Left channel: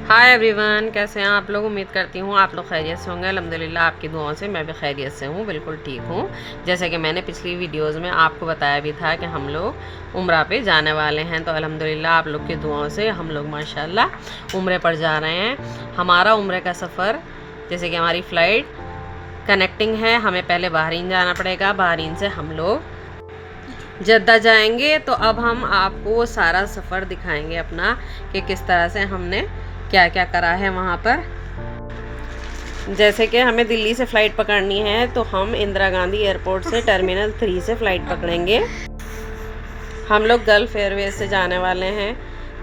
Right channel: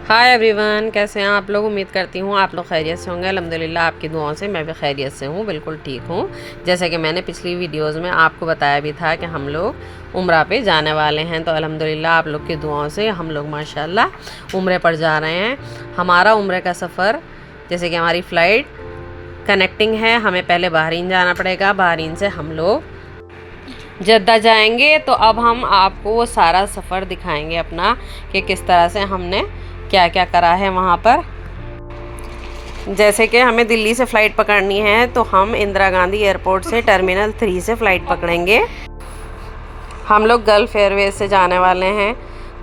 Hi everyone, कैसे हैं आप लोग। उम्मीद करती हूँ आप लोग खैरियत से होंगे। अल्हम्दुलिल्लाह आपकी दुआओं से मैं भी खैरियत से हूँ, बिल्कुल ठीक हूँ। जैसे कि मैंने पिछली वीडियोस में आपको बताया भी था कि हम लोग उम्रा पे जाने वाले हैं, तो अल्हम्दुलिल्लाह आप लोग की दुआओं से हम लोग माशाल्लाह उम्रे पर जा रहे हैं। हमारा उम्रे का सफ़र, जैसे कि हमारी फ़्लाइट कनेक्टिंग है, हमें पहले बहरीन जाना पड़ेगा, बहरीन से हम लोग जद्दा जाएंगे। तो अब हम आपको वो सारा सफ़र दिखाएंगे अपना, कि किस तरह से हमने क्या क्या करा है वहाँ पर। जैसे कि हमें दिल्ली से फ़्लाइट पकड़नी है, तो हम इंदिरा गांधी एयरपोर्ट से टर्मिनल 3 से फ़्लाइट पकड़ेंगे। हम लोग गल्फ़ एयरवेज़ से जाने वाले हैं,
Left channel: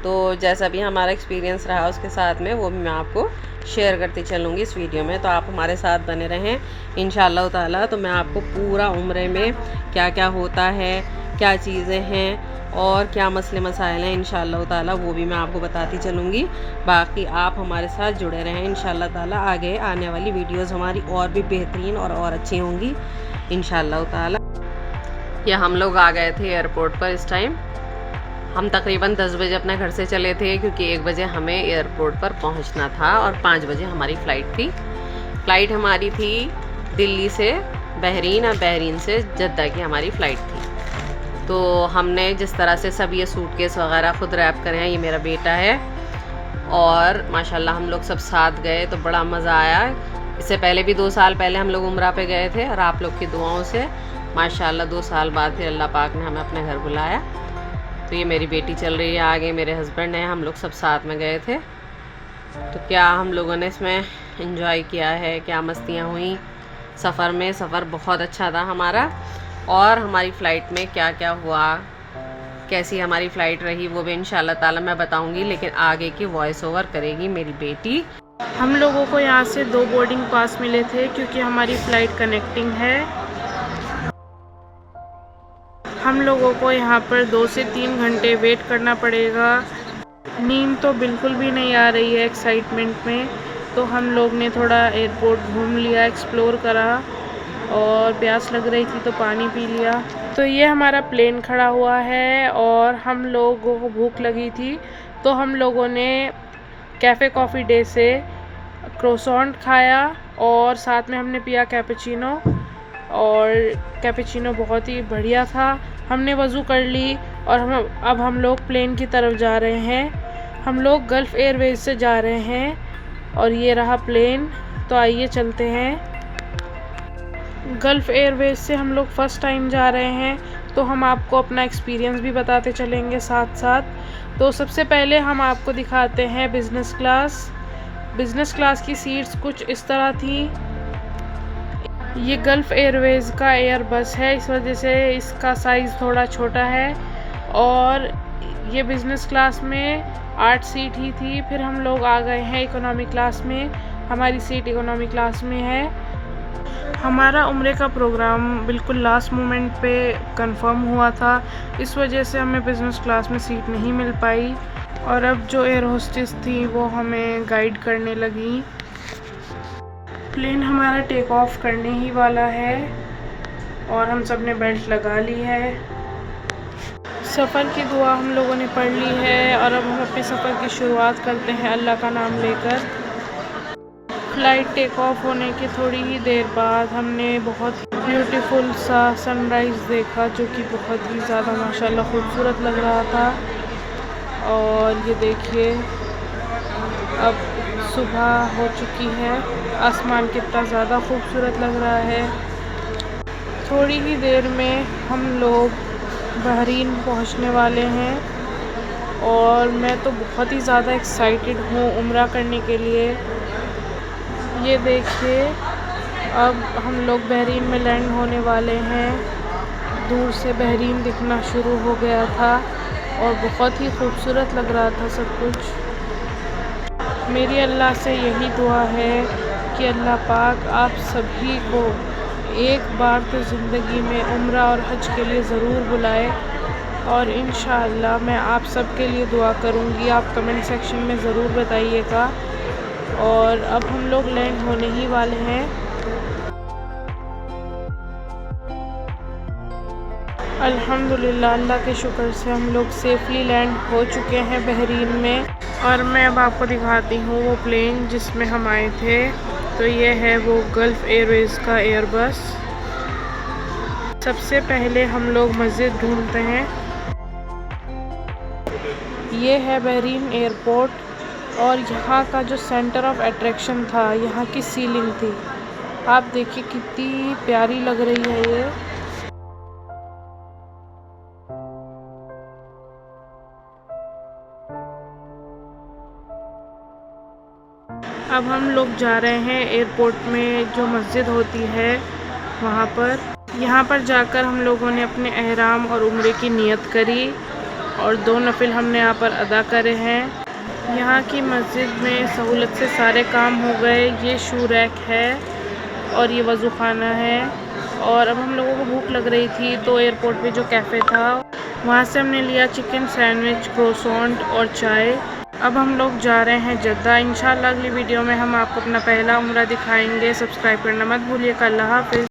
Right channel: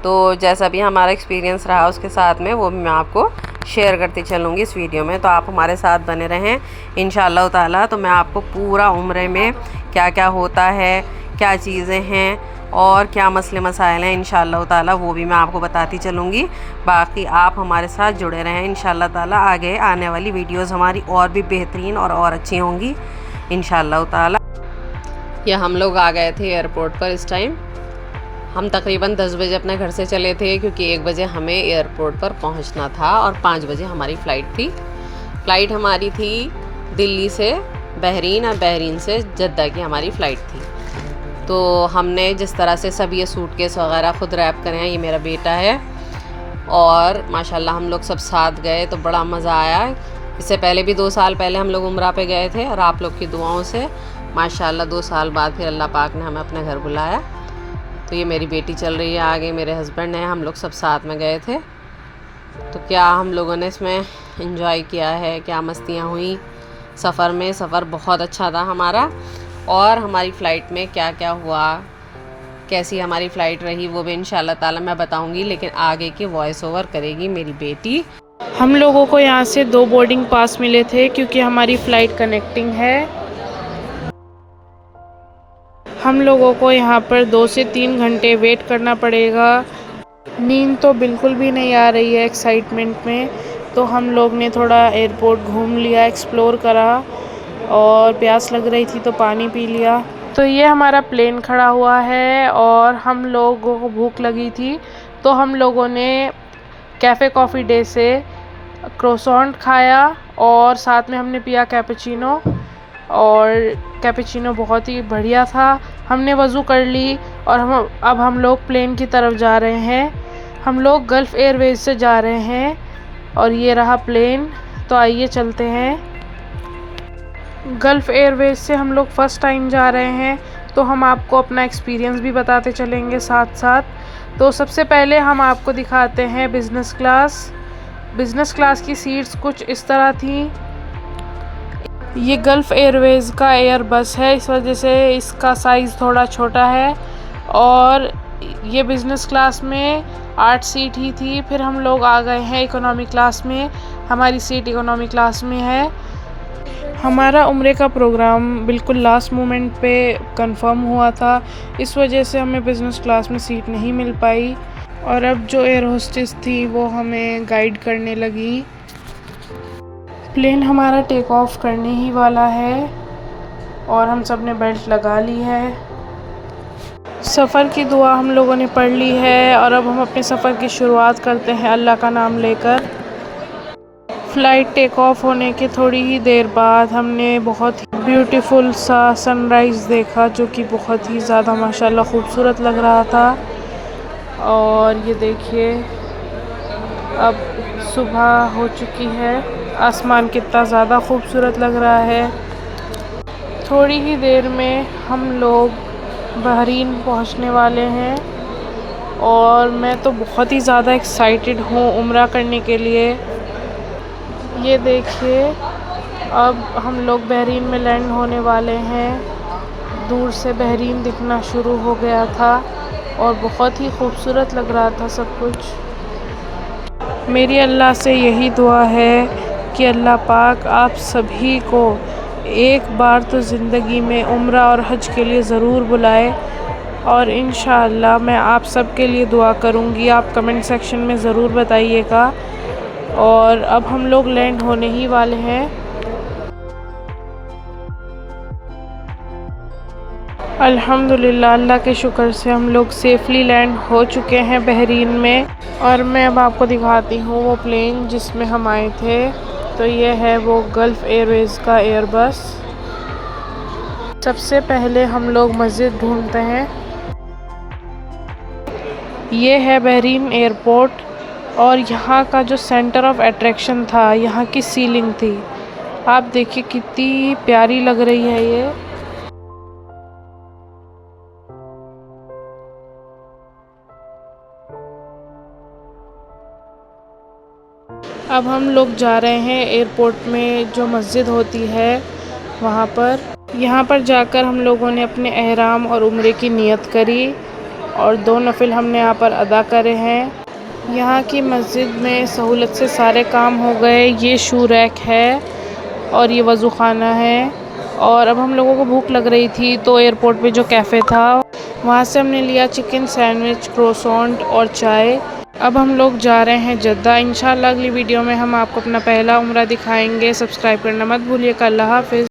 तो जैसा भी हमारा एक्सपीरियंस रहा उसके साथ में वो भी मैं आपको शेयर करती चलूँगी इस वीडियो में। तो आप हमारे साथ बने रहें इंशाअल्लाह ताला। तो मैं आपको पूरा उम्रे में क्या क्या होता है, क्या चीज़ें हैं और क्या मसले मसाइल हैं इंशाअल्लाह ताला, वो भी मैं आपको बताती चलूँगी। बाकी आप हमारे साथ जुड़े रहें इंशाअल्लाह ताला। आगे आने वाली वीडियोस हमारी और भी बेहतरीन और अच्छी होंगी इंशाअल्लाह ताला। ये हम लोग आ गए थे एयरपोर्ट पर। इस टाइम हम तकरीबन 10 बजे अपने घर से चले थे, क्योंकि 1 बजे हमें एयरपोर्ट पर पहुंचना था और 5 बजे हमारी फ़्लाइट थी। फ़्लाइट हमारी थी दिल्ली से बहरीन और बहरीन से जद्दा की हमारी फ़्लाइट थी। तो हमने जिस तरह से सब ये सूटकेस वगैरह ख़ुद रैप करे हैं, ये मेरा बेटा है और माशाल्लाह हम लोग सब साथ गए, तो बड़ा मज़ा आया। इससे पहले भी 2 साल पहले हम लोग उम्रा पे गए थे और आप लोग की दुआओं से माशाल्लाह 2 साल बाद फिर अल्लाह पाक ने हमें अपने घर बुलाया। तो ये मेरी बेटी चल रही है आगे, मेरे हस्बैंड हैं, हम लोग सब साथ में गए थे। तो क्या हम लोगों ने इसमें एंजॉय किया है, क्या मस्तियाँ हुई सफ़र में। सफ़र बहुत अच्छा था हमारा। और हमारी फ़्लाइट में क्या क्या हुआ, कैसी हमारी फ़्लाइट रही, वो भी इंशाअल्लाह ताला मैं बताऊंगी, लेकिन आगे की वॉइस ओवर करेगी मेरी बेटी। हम लोगों को यहाँ से 2 बोर्डिंग पास मिले थे, क्योंकि हमारी फ़्लाइट कनेक्टिंग है। हम लोगों को यहाँ पर 2 से 3 घंटे वेट करना पड़ेगा। नींद तो बिल्कुल भी नहीं आ रही है एक्साइटमेंट में। तो हम लोग ने थोड़ा एयरपोर्ट घूम लिया, एक्सप्लोर करा, और प्यास लग रही थी तो पानी पी लिया। तो ये हमारा प्लेन खड़ा हुआ है और हम लोगों को भूख लगी थी, तो हम लोगों ने कैफ़े कॉफ़ी डे से क्रोसॉन्ट खाया और साथ में हमने पिया कैपेचिनो। और कैपेचिनो बहुत ही बढ़िया था। हमने वज़ू कर ली और अब हम लोग प्लेन की तरफ जा रहे हैं। हम लोग गल्फ़ एयरवेज़ से जा रहे हैं और ये रहा प्लेन। तो आइए चलते हैं। गल्फ़ एयरवेज़ से हम लोग फ़र्स्ट टाइम जा रहे हैं, तो हम आपको अपना एक्सपीरियंस भी बताते चलेंगे साथ साथ। तो सबसे पहले हम आपको दिखाते हैं बिज़नेस क्लास। बिज़नेस क्लास की सीट्स कुछ इस तरह थी। ये गल्फ़ एयरवेज़ का एयर बस है, इस वजह से इसका साइज़ थोड़ा छोटा है। और ये बिज़नेस क्लास में 8 सीट ही थी। फिर हम लोग आ गए हैं इकोनॉमी क्लास में। हमारी सीट इकोनॉमी क्लास में है। हमारा उम्रे का प्रोग्राम बिल्कुल लास्ट मोमेंट पे कंफर्म हुआ था, इस वजह से हमें बिज़नेस क्लास में सीट नहीं मिल पाई। और अब जो एयर होस्टेस थी वो हमें गाइड करने लगी। प्लेन हमारा टेक ऑफ करने ही वाला है और हम सब ने बेल्ट लगा ली है। सफ़र की दुआ हम लोगों ने पढ़ ली है और अब हम अपने सफ़र की शुरुआत करते हैं अल्लाह का नाम लेकर। फ़्लाइट टेक ऑफ होने के थोड़ी ही देर बाद हमने बहुत ही ब्यूटीफुल सा सनराइज़ देखा, जो कि बहुत ही ज़्यादा माशाल्लाह ख़ूबसूरत लग रहा था। और ये देखिए, अब सुबह हो चुकी है, आसमान कितना ज़्यादा ख़ूबसूरत लग रहा है। थोड़ी ही देर में हम लोग बहरीन पहुंचने वाले हैं और मैं तो बहुत ही ज़्यादा एक्साइटेड हूँ उम्रा करने के लिए। ये देखिए, अब हम लोग बहरीन में लैंड होने वाले हैं। दूर से बहरीन दिखना शुरू हो गया था और बहुत ही खूबसूरत लग रहा था सब कुछ। मेरी अल्लाह से यही दुआ है कि अल्लाह पाक आप सभी को एक बार तो ज़िंदगी में उम्रा और हज के लिए ज़रूर बुलाए। और इंशाअल्लाह मैं आप सब के लिए दुआ करूँगी, आप कमेंट सेक्शन में ज़रूर बताइएगा। और अब हम लोग लैंड होने ही वाले हैं। अल्हम्दुलिल्लाह, अल्लाह के शुक्र से हम लोग सेफ़ली लैंड हो चुके हैं बहरीन में। और मैं अब आपको दिखाती हूँ वो प्लेन जिसमें हम आए थे। तो ये है वो गल्फ़ एयरवेज़ का एयरबस। सबसे पहले हम लोग मस्जिद ढूंढते हैं। ये है बहरीन एयरपोर्ट और यहाँ का जो सेंटर ऑफ अट्रैक्शन था, यहाँ की सीलिंग थी। आप देखिए कितनी प्यारी लग रही है ये। अब हम लोग जा रहे हैं एयरपोर्ट में जो मस्जिद होती है वहाँ पर। यहाँ पर जाकर हम लोगों ने अपने एहराम और उम्रे की नियत करी और 2 नफिल हमने यहाँ पर अदा करे हैं। यहाँ की मस्जिद में सहूलत से सारे काम हो गए। ये शू रैक है और ये वज़ू खाना है। और अब हम लोगों को भूख लग रही थी तो एयरपोर्ट पे जो कैफ़े था वहाँ से हमने लिया चिकन सैंडविच, क्रोसॉन्ट और चाय। अब हम लोग जा रहे हैं जद्दा। इंशाल्लाह अगली वीडियो में हम आपको अपना पहला उम्रा दिखाएंगे। सब्सक्राइब करना मत भूलिएगा। अल्लाह हाफ़िज़।